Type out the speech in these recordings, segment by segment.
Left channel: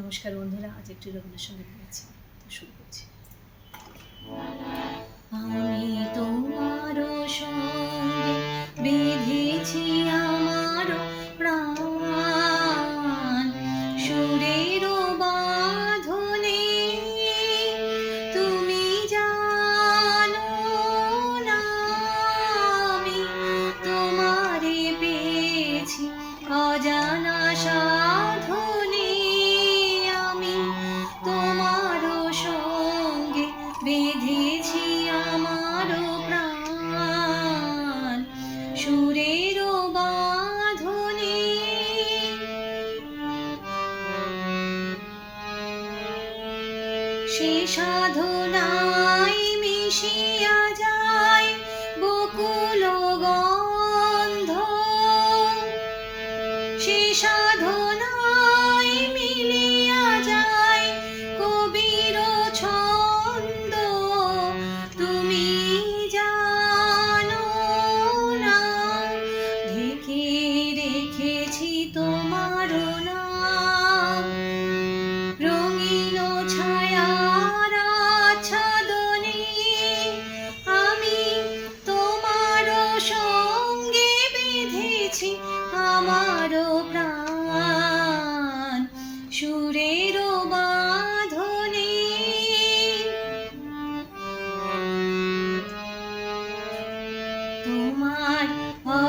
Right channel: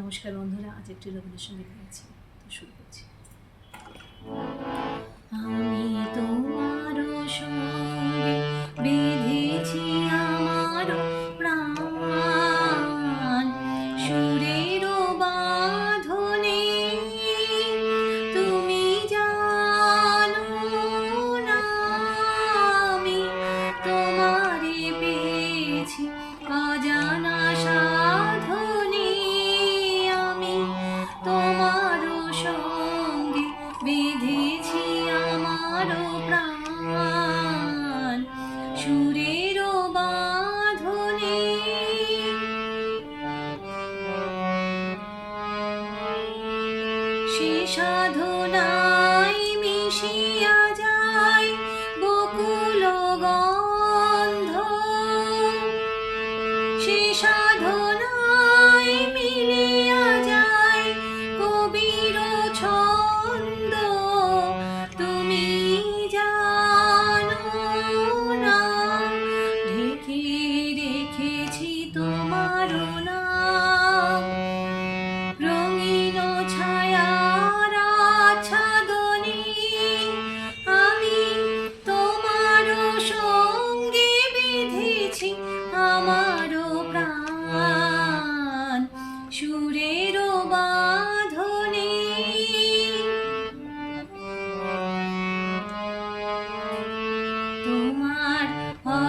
নমস্কার বন্ধুরা আজ একটি রবীন্দ্রসঙ্গীত গাইছি তো শুরু করছি। দিয়েছি আমার সে মিশিয়া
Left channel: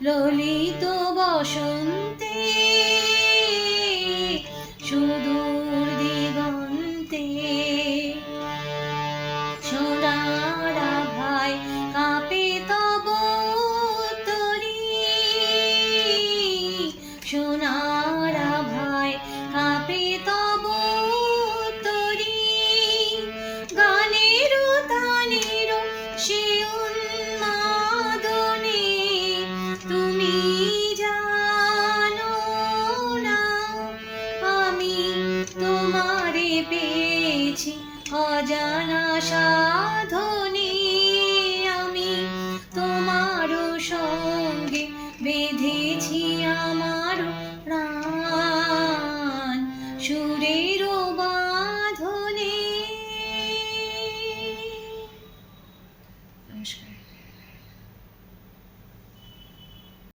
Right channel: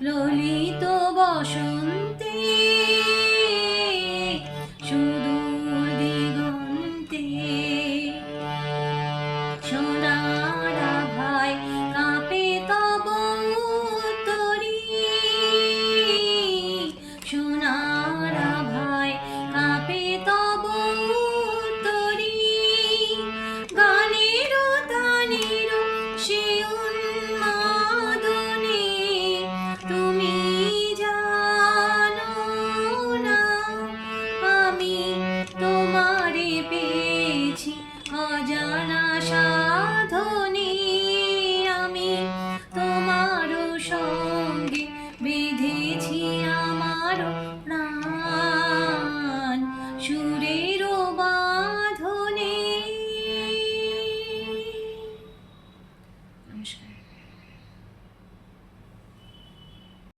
ললিত বসন্তী অজানা